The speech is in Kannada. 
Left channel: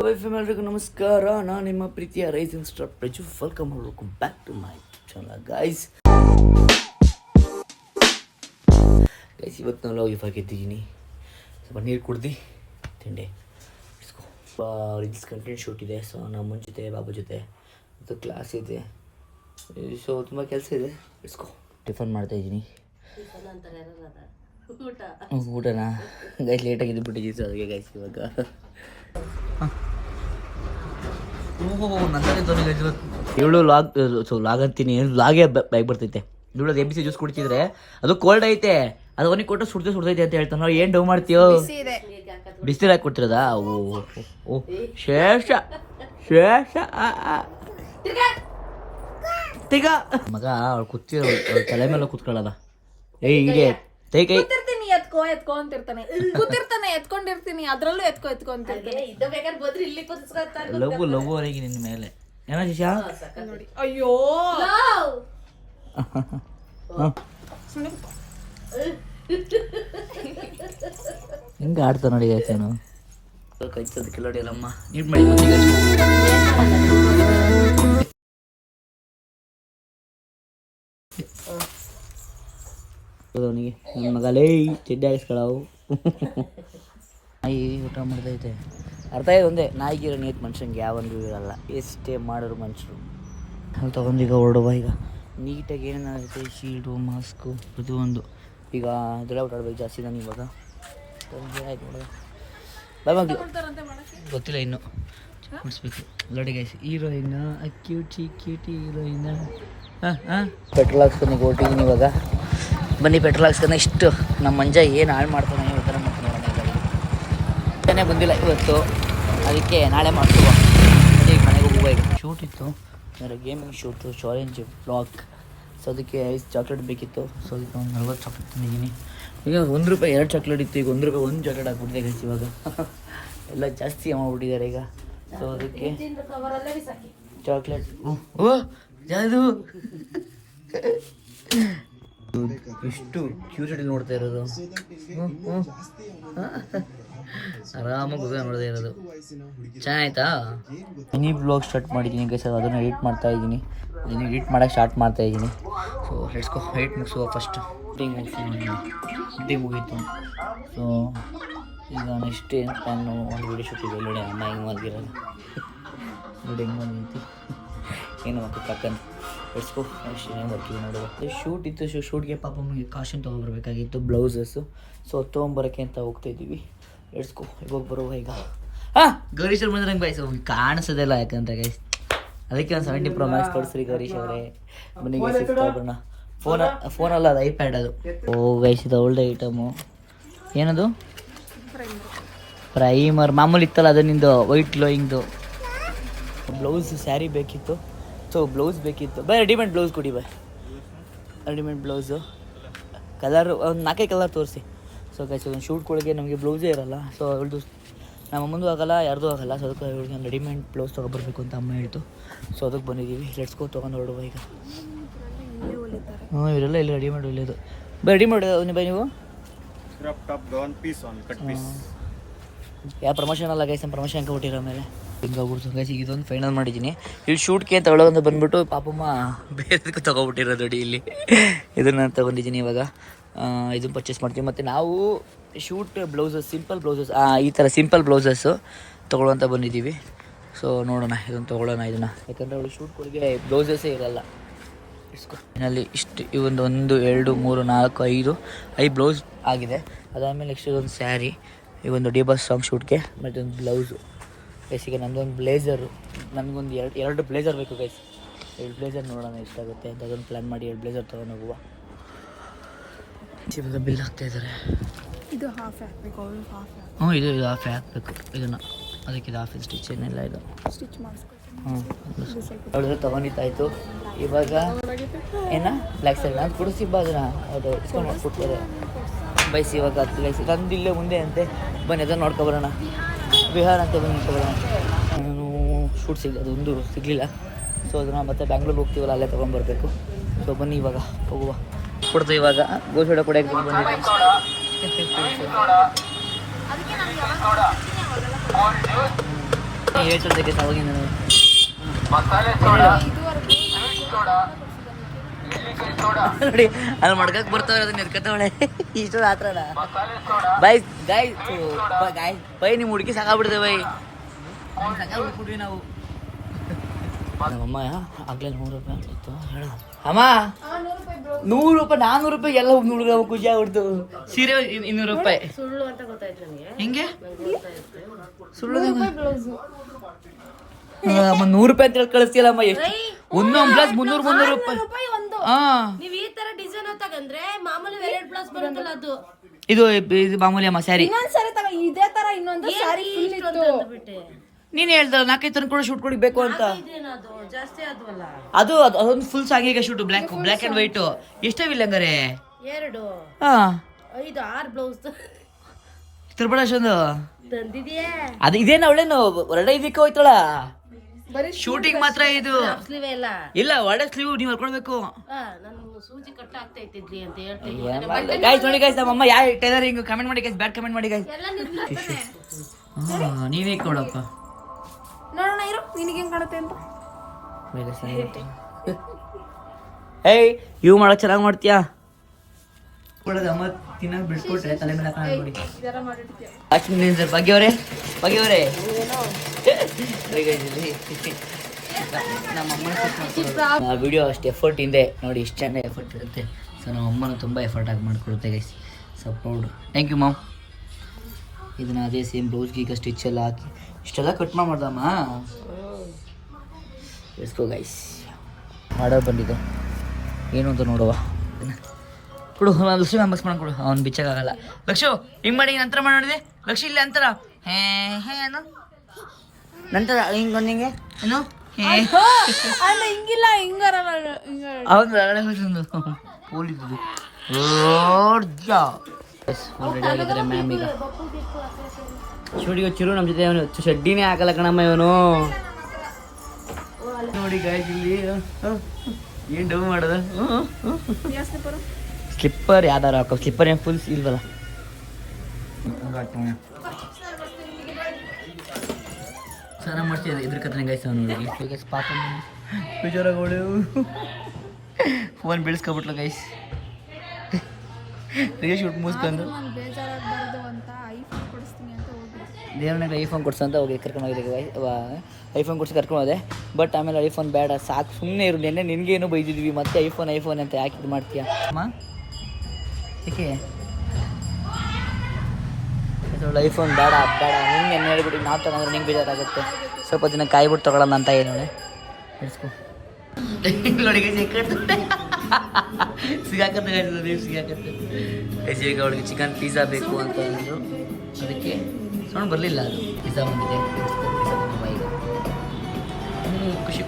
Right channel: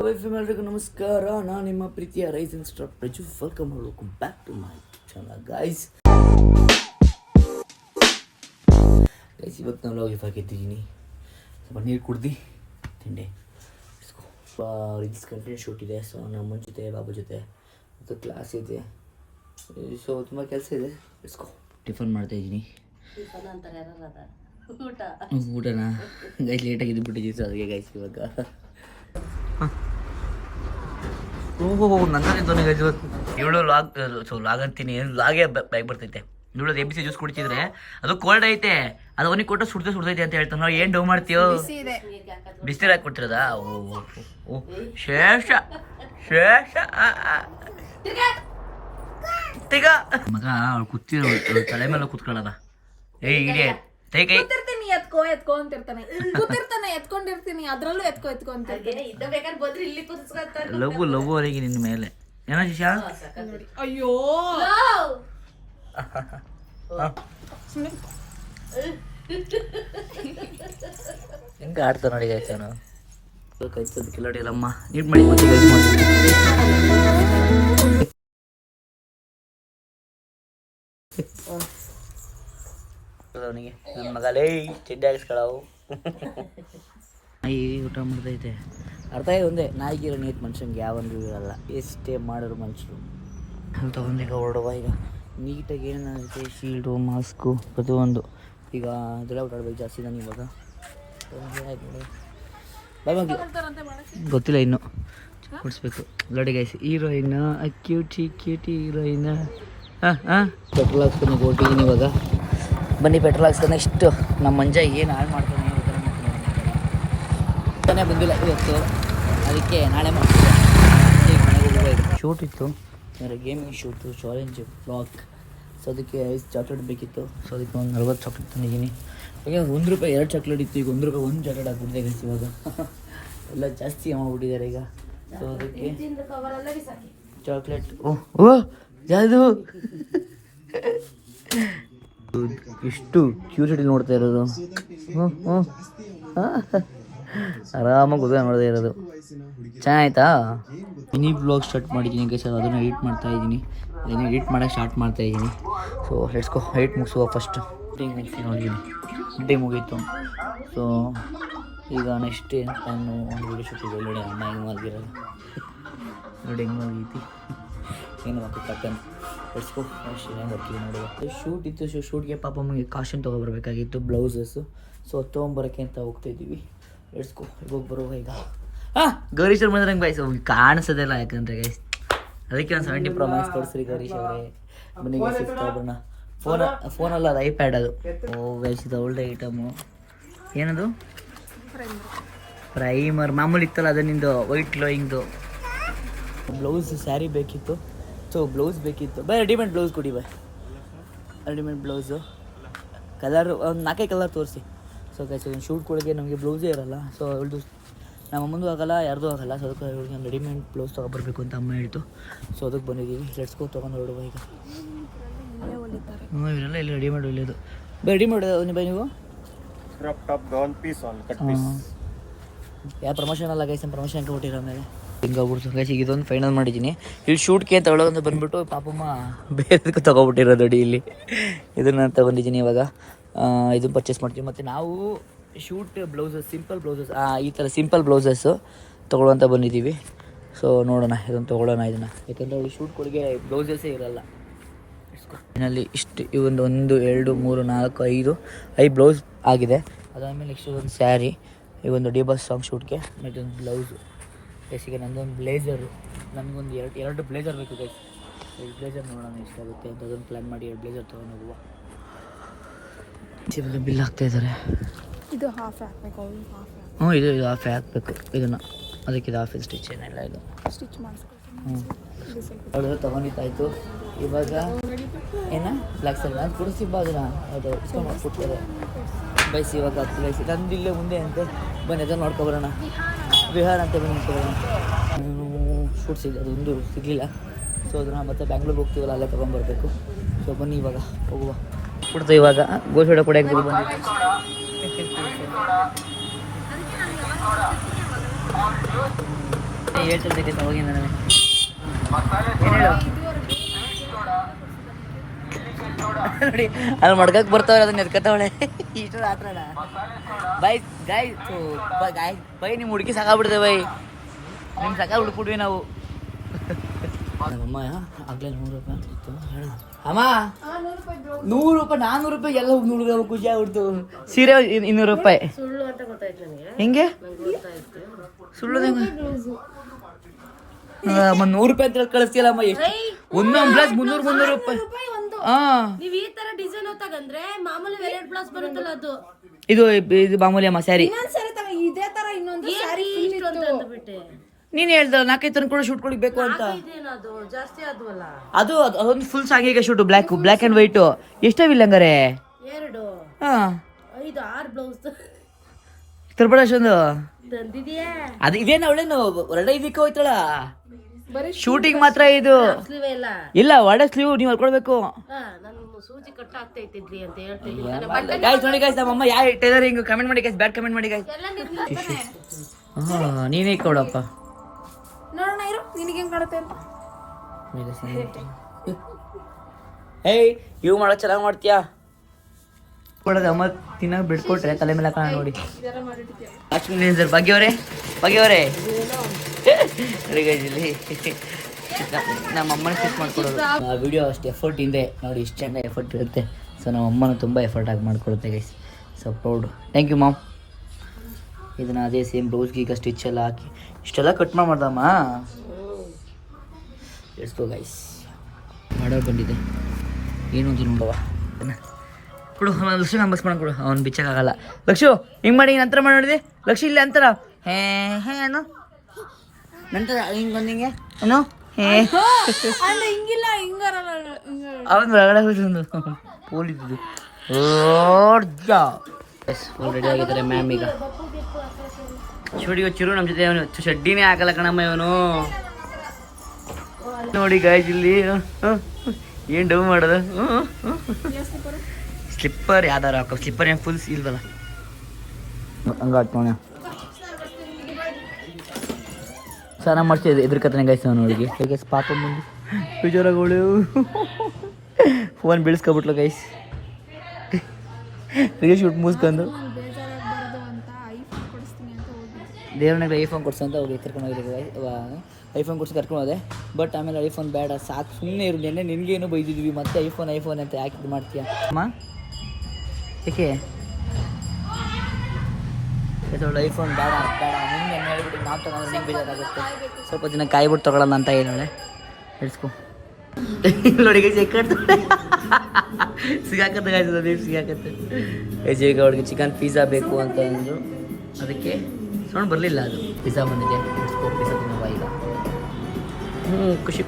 ಎಲ್ರಿಗೂ ನಮಸ್ಕಾರ. ನಾನು ನಿಮ್ಮ ಪ್ರೀತಿಯ rising star Praju. Welcome back to my channel guys. ಇವತ್ತು ನಾನು ಲಾಗ್ ಹಾಕಿದ್ದೀನಿ. ಸ್ವಲ್ಪ ನೀರು ಕುಡ್ದು ತಿಂಡೆ ರೀಲ್ಸ್ ಕಂಟೆಂಟ್ ಶೂಟ್ ಇದೆ. ಸೊ ನಮ್ಮ ಜೊತೆ ಬಾಬು ಜೊತೆ ಮತ್ತು ಕ್ಲಾಸ್ ಇದೆ. ಸೊ ತುಂಬ ಕೆಲಸ ಇದೆ. ಇಸ್ಕೋ ಟಿಫನ್ ಮಾಡ್ತಾಯಿದ್ದೀನಿ. ಊಟನಾ ಗೈಸ್ ಲೇಟಾಗಿ ಬಿಟ್ಟಿದ್ದು ಅದಕ್ಕೆ ಗೈಸ್ ಇವಾಗ ನಂತರ ಗೈಸ್ ಇವಳು ಲಾಗ್ ಅಂತೀನಿ ಲಾಗೇ ಬ್ಯಾಗ್ ಬರ್ತೈತೆ. ಇವಳು ಎ ಬಿ ಸಿ ಜ್ಯೂಸ್ ಕುಡಿತಿದ್ರೆ ಅದು ಕೋಲ್ಡ್ ಐತೆ, ಅದು ಅವನಿಗೆ ಕೊಟ್ಟು ಸುಡ್ತೈತೆ ಅಂತ ಹೇಳ್ತಾನೆ. ನಾವು ಏನು ಡೌ ಮಾಡ್ತೀವೋ ಬಿಸಿಲು ಹಾಕಿ ಕೊಡ್ತಿರೋದಾ? ಓ ಶೇಷ ಶೇಷ ತಿಗ ಮಗ ಅವಳು ಕೂತಿರೋ ತಲೆ ಮೇಲೆ ಕೂತ್ಕೊಳ್ಳೋದ. ಏಯ್ ಇಡೇ ಕೈ ಎತ್ಕೊ ಅಂತಿರ್ತಾನೆ, ಕೂತಿರ್ತಾನೆ ಎತ್ಕೊಂಡಿರ್ತೀನಿ, ಅದ್ರಲ್ಲೂ ಎತ್ಕೊಂತಿರ್ತಾನೆ. ಲವ್ ಅವನಿಗೆ ನಿನ್ನ ಮೇಲೆ ಏನೋ ಶಿಶಾ ನೋಡಿ. ಅಯ್ಯೋ ಹಿಂಗೆ ಆಡ್ತಾ ನೋಡಿ ಗಾಯ್ತಾನು ಕೈತದ ಕಿಲಾಡಿ ಅಲ್ಲಮ್ಮ ನೀಟ್ ಮಾಡಿ ಅವನಿಗೆ ನನ್ನ ಮಗಲೇ ಚಿಡ್ಡೆ ಹಾಕ್ಸ್ಕೊಳವು. ನಾಯಿ ಊಟ ಮಾಡ್ತೈತೆ. ಅರ್ಥ ಇದೆ ಒಂದೇ, ನಾಯಿಗಿರೋ ನೀಟ್ ಮನುಷ್ಯಂಗೆ ಯಾವೊಂದು ಇರಲ್ಲ, ಎಷ್ಟೇ ಮಾಡೋರು ಮನುಷ್ಯರು. ಅಲ್ಲಿ ತೊಗೊಂಡೀಗ ಹೊರಡುವ. ಈಗ ನೀಟಾಗಿ ಏನೇನಾಗುತ್ತೆ ಶೀಲ್ಡು ಮಾಸ್ಕು ಪ್ರತಿಯೊಂದು. ಈಗ ಅದೆಲ್ಲ ಆಡ್ಬೇಕು ಜಾಸ್ತಿ ನಾನು ಇವಾಗ ಆಯ್ತು ನೋಡೋದು. ಬಾಬಾಗ್ಲಿ ಗೊತ್ತಿಲ್ಲ ಇನ್ನು ಕೊಡಿಸ್ಬೇಕು. ಲಡಿ guys heroine cutie heroine. Petrol ಹಾಕ್ಸ್ಕೊಂಡು ಹೊರಟಿದ್ದೀನಿ ಇವಾಗ. ಬನ್ನಿ ಪೆಟ್ರೋಲ್ ಹಾಕ್ಸ್ಕೊಂಡು ಇಷ್ಟು ನಮ್ಮ ಮಂಜ ಏನು ಹಾಳು ಮಾಡ್ತಾನೆ ಇವತ್ತರ ಮಾಡ್ತಾನೆ. ಬಂದಿಲ್ಲ ಇವತ್ತು, ಅದಕ್ಕೆ ನಾಳೆ ಮಾಡ್ತೀವಿ. ಈಗ ಮನೆಗೆ ಹೋಗುವ. ಈಗ ಶೂಟ್ ಇತ್ತು, gaming shoot, challenge blog. So ಅದಕ್ಕೆ 5 ಚಾಕ್ಲೇಟ್ ಬೇಕಿತ್ತು. ಸೊ ಅದಕ್ಕೆ ಒಂದು 40 ಚಾಕ್ಲೇಟ್ ತಂದಿದ್ದೀನಿ. ಈಗ ₹1 2 ಚಾಕ್ಲೇಟ್ ಇತ್ತು. ಈಗ ₹1 1 ಚಾಕ್ಲೇಟ್ ಹಾಕ್ಬಿಟ್ಟಿದೆ ಗೈಸ್. ಇವಾಗ ಎಲ್ಲ ಜಾಸ್ತಿ ಮಾಡ್ಬಿಟ್ಟಿದ್ದಾರೆ ಈಗ. ಸೊ ಅದಕ್ಕೆ ಚಾಕ್ಲೇಟ್ ಯಾವುದು ಎಷ್ಟು ಕ್ಯೂರಿಟಿ ನೋಡ್ತಾ ಇರೋದು. ಆರಾಮಾಗಿ ಗೊತ್ತ ನೋಡ್ತಾ ಇರೋದು. ಚೆನ್ನಾಯ್ತಾ? ಮಿನಿ ಬ್ಲಾಗ್ ಸ್ಟಾರ್ಟ್ ಮಾಡಿದ್ದೀನಿ ಗೈಸ್. ಅದನ್ನು ಎಡಿಟ್ ಮಾಡ್ತಾ ಇದ್ದೀನಿ. ಇನ್ನು ಎಡಿಟ್ ಮಾಡೋಕ್ಕೆ ಸ್ಟಾರ್ಟ್ ಮಾಡ್ತಾ ಇದ್ದೀನಿ. ಸೊ ಲೆಟ್ಸ್ಕೋ ಎಡಿಟ್ ಮುಗಿಸುವ. ಫಸ್ಟ್ ಎಡಿಟಿಂಗ್ ಮುಗಿಸಿ ನೋಡಿದ್ದೀನಿ, ಎಡಿಟಿಂಗ್ ಮುಗೀತು. ಸೊ ಈಗ ನೆಕ್ಸ್ಟ್ ಏನು ಪ್ಲಾನು, ಒಂದು ವೀಡಿಯೋ ಶೂಟ್ ಇದೆ. ನೋಡಿ ಅಮ್ಮ ಹೆಂಗೆ ಮಲಗಿರೋದು ನೋಡಿ, ಹೆಂಗೆ ಮಲಗೈತಿ ಏನು ಮತ್ತೆ ತಕ್ಕಂತ. ಲೆಟ್ಸ್ಕೋ ನೆಕ್ಸ್ಟ್ ಏನೇನು ಬರ್ತೀವಿ ನೋಡುವ. ಶೂಟ್ ಇತ್ತು. ಶೂಟ್ಗೆ ಪಾಪಮ್ಮಗೆ ಕಾಸ್ಟ್ಯೂಮ್ ತೊಗೊಬರ್ಬೇಕಾಗಿತ್ತು, ಬ್ಲೌಸಸ್ಸು. ಸೊ ತೊಗೊಂಬರೋಕ್ಕೆ ಅಂತ ಹೋಗ್ತಾಯಿದ್ದೀವಿ. ಲೆಟ್ಸ್ಕೋ ಈಗ ಹೋಗಿ ಬರುವ. ಈಗ ಗೌರೀಶ್ ಬಂದ್ರೆ ನಂಗೆ ಬಯಸು ಕಾಣಿಸೋದಿಲ್ಲ, ಯಾಕಂದ್ರೆ ಗೈಸ್ ಅದಕ್ಕೆ ನಾನು 70 Pro Max ತೋರಿಸ್ರಿ ಗೌರೀಶ್ ಅವರೇ. ಬನ್ನಿ ಗೈಸ್ ಇಟ್ಕೊಳ್ಬೋಣ. ಫೋನಲ್ಲ, ಅದು ಐಪ್ಯಾಡ್ ಅದು. ಓ ಗೈಸ್ ಇದು ಓಲ್ಡ್ ಐಟಮು. ಏನದು? ಪ್ರೈಮರ್ ಮಾಮೂಲಿ ಇತ್ತಲ್ಲ, ಅದು ನಿಂದು ವೈಟ್ ಗ್ಲೋಯಿಂಗ್ದು. ಬ್ಲೌಸ್ ಸ್ಯಾರಿ ಬೇಕಿತ್ತು. ಸೊ ಬ್ಲೌಸ್ ಬೇಕಿತ್ತು. ಬೈ ರೆಡಿಮೇಡ್ ಬ್ಲೌಸ್ ಕೊಡಿ. ಬೈ ರೆಡಿಮೇಡ್ ಬ್ಲೌಸು ಕಲರು ಒಂದು 4 ಕಲರ್ ತೋರಿಸಿ. ಸೊ ಗೈಸ್ ಒಂದು ಶೂಟ್ಗಳಿಗೆ ನಮಗೆ ಬ್ಲೌಸೇ ಇರೋಲ್ಲ. ಸೊ ಅವಳದು ನಮ್ಮ ಅಮ್ಮಂದು ಆಗೋಲ್ಲ, ಯಾರ್ದು ಆಗೋಲ್ಲ. ಸೊ ಅದಕ್ಕೆ ಇವಳಿಗೆ ಒಂದು ರೆಡಿಮೇಡ್ ಬ್ಲೌಸ್ ತೊಗೊಬರ್ಬೇಕು ಅಂತ ಅಮ್ಮ ಹೇಳ್ತು. ಸೊ ಅದಕ್ಕೆ ಬಂದಿದ್ದೀವಿ. ಲೆಟ್ಸ್ಕೋ ತೊಗೊಂಡು ಹೊರಡುವ ಈಗ. ಇವರೆಲ್ಲ ಇಲ್ಲಿ ರೆಡಿಮೇಡ್ ಒಳ್ಳೆಯದು. ಬೈ ರೆಡಿಮೇಡ್ ಬೈ ನೀವು ಯಾವ ಪ್ರಮೋಷನ್ ಅಲ್ಲ ಗೈಸ್, ಪ್ರಮೋಷನ್ ಅಂಕ ಕೊಟ್ಟಿರೋ ಮೇಲೆ ಹಿಂಗೆ ಹೋಗ್ಬಿಡ್ತು ಗೈಸ್. ಈಗ ಇದೊಂದು ಫೈನಲ್ ಮಾಡಿದ್ದೀನಿ. ಇಲ್ಲಿ ಶೂಟ್ಗೆ ಅಂತ ಒಳಗೊಂದು ಬಂದುಬಿಟ್ಟು ಪಾಪಮ್ಮ ಬೇರೆದಕ್ಕೂ ತೊಗೊಬಿಟ್ಟಿರೋದು ನೋಡಿ. ಇಲ್ಲಿ ಇದನ್ನು ತೊಗೊಂಡಿದ್ದೀನಿ. ಇವಾಗ ಇದನ್ನು ಪರ್ಚೇಸ್ ಮಾಡ್ತೀವಿ. ಮತ್ತು ನಾವು ಶೂಟ್ ಬ್ಲೌಸಸ್, ಸಿಂಪಲ್ ಬ್ಲೌಸಸ್, ಈ ಥರ ಸಿಂಪಲ್ ಬ್ಲೌಸಸ್ಸು ತೊಗೊಳ್ಳೋಂತ ಬಂದಿದ್ದೀವಿ. ಸೊ ನೋಡೋಣ ಇದನ್ನು ತೊಗೊಳ್ಳೋಣ ಇದನ್ನು, ಯಾಕಂದರೆ ಅವಳು ಶೂಟ್ಗಳಿಗೆ ಬ್ಲೌಸಸ್ಸೇ ಇರೋಲ್ಲ. ಇದರಲ್ಲಿ ಇಷ್ಟು ಈ ಒಂದು 1 2 3 4 5 ಬ್ಲೌಸ್ ಆಗಿದೆ. ಅದಾದಮೇಲೆ ನೆಕ್ಸ್ಟ್ ಒಂದು ಸ್ಯಾರಿ, ಈ ಒಂದು ಡಿ-ಬಾಸ್ ಸಾಂಗ್ ಶೂಟ್ಗೆ, ಮತ್ತೊಂದು ಬ್ಲೌಸು. ಬೇಸಿಗೆ ನಮ್ಮದೊಂದು ಬ್ಲೇಸರು, ನಮಗೊಂದು 2 ಬ್ಲೇಸರ್ ಬೇಕು ಗೈಸ್. 2 ಬ್ಲೇಸರ್ ನೋಡೋಣ ಎಷ್ಟಾಗುತ್ತೆ ಅಂತ ಅದನ್ನು ಪ್ಲ್ಯಾನ್ ಮಾಡಿ 2 ಬ್ಲೇಸರ್ ತೊಗೊಂಡು ಹೋಗುವ. ಇವಾಗ ಬಿಲ್ ಹಾಕ್ತಾಯಿದ್ದಾರೆ. ಇದು ಹಾಫ್ ಹಾಕಬೇಕು. ಇದು ಹಾಫ್ ಹಾಕಬೇಕು ಇದನ್ನು, ಅದಕ್ಕೆ ಇದು ಹಾಫ್ ಸ್ಟಿಚ್ ಏನಿಲ್ಲ, ಇದು ಸ್ಟಿಚ್ ಮಾಡಿಸ್ಕೊಳ್ತೀನಿ. ಅವ್ರದ್ದು ತೊಗೊಂಡಿದ್ದಾಯಿತು. ಇವಾಗ ಏನ ಬ್ಲ್ಯಾಕ್ ಸೈಡ್ ನಾನು ಕೊಡಿಸಿಬ್ಬ ಅದನ್ನು ಅದು ಇಸ್ಕೊಂಡು ಮಾಡಿಸ್ಕೊಡ್ತಾರೆ ಬೈಸಿ. ಇವಾಗ ಆಗ್ತದೆ ಬೈಸಿ ತಂದಿಲ್ಲೇ ಮುಂದೆ ಅಂತೆ. ಬನ್ನಿ ಅದನ್ನು ನೋಡ್ಕೊಬರೋಣ. ಬಿಹಾರ ಅಂತ ಬನ್ನಿ ನೋಡ್ಕೊಬರೋಣ. ನಾನು ಶೂಟ್ ಅದೊಂದು ಸಿಗಲಿಲ್ಲ. ಸೊ ಅದನ್ನು ಮತ್ತೆ ಬ್ಯಾಂಗ್ಳೂರಿಗೆ ಹೋಗ್ತೀವಲ್ಲ, ಅಲ್ಲೇ ತೊಗೊಂಬರ್ಬೇಕು. ಸೊ ಬನ್ನಿ ಇವಾಗ ಹೋಗುವ. ಕೊಡ್ತಾ ಇವಾಗ ಗೋಲ್ಡ್ ಕೂಡ ಹೆಂಗೆ ಬನ್ನಿ. ಹೇಳ್ತಿರ್ಬೇಕೆ ಅವಾಗಿಂದ ನನಗೆ ಏನು ಹೇಳು ನೋಡಿ ಅಲ್ಲಿ ಮಡ್ಕಕ್ಕೆ ಬರ್ತಾವಳೆ ಅದನ್ನ ಎತ್ಕೊತಾವಳೆ ಇಷ್ಟು ಆತ್ರಣ ಬೈ ಗಾಯ್ ಗಾಯ್ ಬೈ ನಿಮ್ಮ ಹುಡುಗಿ ಸಾಕಾಗ್ಬಿಡ್ತೇವೆ ಬೈ ನಿಮ್ಗೆ ಸಾಕಾಗ್ಬಿಟ್ಬಿಟ್ವಿ ನಾವು ನಮ್ಮಮ್ಮ ಆಗ್ಲೇ 100 ರೂಪಾಯಿ ಆಗ್ತಿತ್ತು ಹೇಳು ಅಮ್ಮ 100 ರೂಪಾಯಿ 400 ರೂಪಾಯಿ ಎಲ್ಲ ಹುಡುಗ ಖುಷಿ ಆಗ್ಬಿಡ್ತು ಸೀರೆ 200 ರೂಪಾಯಿ ಸುಳ್ಳು ಅಂತ ಗೊತ್ತಾಯ್ತು ನನಗೆ. ಹೆಂಗೆ ಸುಳ್ಳು ಅಮ್ಮ 100 ರೂಪಾಯಿ ಅಂತ ಹೇಳಿ ಕಳಿಸ್ತಿಲ್ಲಮ್ಮ ಎಷ್ಟು ಒಂದೊಂದು ಬ್ಲೌಸ್ 300 ರೂಪಾಯಿ ಹಾ ನೀವ್ ಈ ತರ ಡಿಸೈನ್ ತಗಂದ್ರೆ ಮಾಮೂಲಿ ವೆಲೆಟ್ ಬ್ಲೌಸ್ ಬರುತ್ತಲ್ಲ ಅದು ಇದು ಮಾಮೂಲಿ ಅಮ್ಮ ಸ್ಯಾರಿ ಇನ್ನೊಂದ್ಸರಿ ತಗ ಇದೇ ತರ ಇನ್ನೊಂದು ಸ್ಯಾರಿ ಬಿಟ್ಟೆ ನೀನ್ ಹೇಳ್ದ 4-5 ತನಕ ಕೂಡ ಶೂಟ್ ಕೊಡ್ಬೇಕು ಅಂತ ಇದೇನದು ಜಾಸ್ತಿ ಆದ್ವಲ್ಲ ಅದೊಂದು ಫುಲ್ ಸಾಂಗಿಗೆ ಶೂಟ್ ಬ್ಲ್ಯಾಕ್ ಅಂಡ್ ವೈಟ್ ಎಷ್ಟವಿಲ್ಲ ಹಂಗಾರೆ 2 ಹಾ 5 6 ಬ್ಲೌಸ್ ತಿರ್ಪಡ ಅಷ್ಟೊಂದು ತಂದಿದ್ಯಾ ಅದು ಇದೇನು ಅವಳೇನು ಹೊರಡೆ ಇದಕ್ಕೆ ಹೋಯ್ತಾಳ ಶೂಟಿಂಗ್ ಮಾತ್ರ ಇದು ಸ್ಲೀವ್ ಎಲ್ಲ ಇಲ್ಲ ಒಳ್ಳೆ ಸ್ಲೀವ್ ನೀವು ಹೊಲ್ಕೊಡ್ಬೇಕು ನಾನು ಸೂಜಿ ಕಟ್ಟ ಆಗ್ತಾ ಇತ್ತಿದ್ರಿ ಅಂತ ಹೇಳ್ತೀನಿ ಗಾಯ್ಸ್ ನೋಡಿ ಗಾಯ್ಸ್ ನಮ್ಮಮ್ಮ ಯಾವ ಟೈಲರಿಂಗ್ ಕಮೆಂಟ್ ಮಾಡಿ ಗಾಯ್ಸ್ ಬ್ಯಾಡ್ ಕಮೆಂಟ್ ಮಾಡಿ ಗಾಯ್ಸ್ ನೀನೇ ಕೊಡಪ್ಪ ನೋಡೋಣ ಇರು ನಿನಗೆ ಹೆಂಗ್ ಕಾಣುತ್ತೆ ಅಂತ ಏಯ್ ಇವು ಮಾಡಕ್ ಚೆನ್ನಾಗಿ ಮಾಡ್ತೀಯಾ ಕೊಡೋದು ಅಮ್ಮ ತಿನ್ನಾಗ ಬಿಡ್ಕೊಟ್ರೆ ತಲೆ ಮೇಲೆ ಕಾಣ ನೋಡಿ ಇದೆಲ್ಲ ಮಾಡಿರ್ತೀಯ ಅಷ್ಟು ಸರ್ ಭಾಗ್ಯವರೇ ನಮ್ಮ ಅಮ್ಮನ ಶೂಟ್ ಮಾಡ್ಕೊಡೋದು ಆ ವಿಡಿಯೋ ಅಷ್ಟು ಎಫರ್ಟ್ ಹಿಂದೆ ನೋಡಿ ಇಷ್ಟು ಚೆನ್ನಾಗಿ ಎಫರ್ಟ್ ಇರುತ್ತೆ ಸೊ ನಮ್ಮ ಅಮ್ಮನ ತುಂಬ ಎಫರ್ಟ್ ಆಗಿ ಮಾಡ್ಕೊಡುತ್ತೆ guys so proud thank you mom ಇದನ್ನು ಅದೇ ಸೇಮ್ ಬ್ಲೌಸ್ಗೆ ಈಗ ಸ್ಟಿಚ್ ಎಲ್ಲ ಹಾಕಿ ಇಷ್ಟೆಲ್ಲ ಕಟ್ ಮಾಡ್ದಮ್ಮ ಎಸ್ಕೋ ಗೈಸ್ ಆರ್ಡರ್ ಬಂದಿದೆ ಏನು ಅಂತ ನೋಡುವ ಕೊಡು ಲಕ್ಷ್ಮಿ ಮೆಂಬರ್ಸ್ ಮಾಡಿ ಕೊಡು ಅವ್ನು ಬಿಚ್ಚಕ್ಕಾಗಲ್ಲ ಲಕ್ಷು ಹಿಂಗೆ ಮಾಡಿ ನಂತರ ಮಾಡಿ ನೋಡಿದೆ ಲಕ್ಷ ಇಲ್ಲಿ ಅಂತಾರ ಹೇ ಏನು ನಂತರ ಹಿಂಗೊಂದು ಹಿಂಗೆ ಏನು ಹೇ ಅಲ್ಲ ಹಿಂಗಿಲ್ಲ ಹಿಂಗಾರಲ್ಲ ಹಿಂಗ ಅವನು ಒಳಗಡೆ ಹೋಯ್ತು ಪೋಲಿದ್ದು ರೆಡಿ ಆಗಿದ್ದಾರೆ ಮ್ಯಾಮ್ ಈಗ ಚೂಡಿ ಚಿರು ನಮ್ಮ ಜೊತೆ ಅವನು ಚಡ್ಡಿನೇ ಹಾಕಲ್ಲ ಕಣಮ್ಮ ಇವನು ನೋಡಿ ಗಾಯ್ಸ್ ಇಲ್ಲಿ ಏನು ಡೌ ಮಾಡೋದು ಸ್ಲಿಪ್ಪರ್ ಯಾವ್ದಾರು ಹಾಕೋ ಸ್ಲಿಪ್ಪರ್ ಏನು ಫುಲ್ಸ್ ಇಲ್ವಲ್ಲ ಹಂಗೆ ಹಾಕೋಣ ಚೆನ್ನಾಗಿ ಮಾಡ್ತಿದ್ದೆ ಎದುರ್ಕತ್ತಾನೆ ಗಾಯ್ಸ್ ಅವನು ಹುಡುಗಿ ಗೈಸ್ ಪಾಪ ಮುಂದೆ ಬೇಜಾರಾಗೋಳು ಫೋನ್ ಬೀಳಿಸ್ಕೊಬಿಟ್ಲು ಗೈಸ್ ಶೂಟ್ ಮುಗಿಸ್ಕೊಂಡು ಬೇಜಾರಾಗಬಾರ್ದು ಅಂತ ಐಫೋನ್ ಕೊಡಿಸ್ತೀನಿ ಅಂತ ಹೋಗಿದ್ದೆ ದೇವ್ರನಾಗ ಐಫೋನ್ ಕೊಡ್ಸು ಅಂತ ಹೋಗಿ ಕರ್ಕೊಂಡು ಹೋಗಿದ್ದೆ ಐಫೋನ್ ಕೊಡ್ಸಿ ಕರ್ಕೊಂಡು ಹೋದೆ ಬಟ್ ಆಮೇಲೆ ಐಫೋನ್ ಬೇಡ ಸಾಕು ಸುಮ್ಮನೆ ಇರು ನೆನ್ನೆ ನಿನಗೇನು ಬೈದಿದ್ವಿ ಮತ್ತೆ ಐಫೋನ್ ಅಂತ ಯಾಕೆ ಇದು ಮಾಡ್ತೀಯ ಅಮ್ಮ ಏಕೆ ಐಫೋನ್ ಬೇಡ ನಿಂಗೆ ಹೇಳ್ಬಿಟ್ಟು ನಾವು ತಗೊಂಡ್ರೆ ನಿಂಗೆ ಬೇಜಾರಾಗುತ್ತೆ ಸ್ವಲ್ಪ ದಿನ ಕಾಯ್ಬಿಟ್ಟು ತೊಗೊಳ್ಳೋಣ ಅಂತ ಹೇಳೋಳೆ ಹಿಡ್ಸ್ಕೊ ನೋಡಿ ಸಿಗಾಕತ್ತೆ ಸಿಗಾಕತ್ತೆ ಈಗ ಅವಳಿಗೆ ಚಿಕನ್ ಪಿಜ್ಜಾ ಬೇಕು ಅಂತ ಅಂದರು ಅದಕ್ಕೆ ಸೌಂಡ್ ಬರಲಿಲ್ಲ ಅದು ಪಿಜ್ಜಾ ಬಂದಿದೆ ಪಿಜ್ಜಾ ಈಗ ಖುಷಿ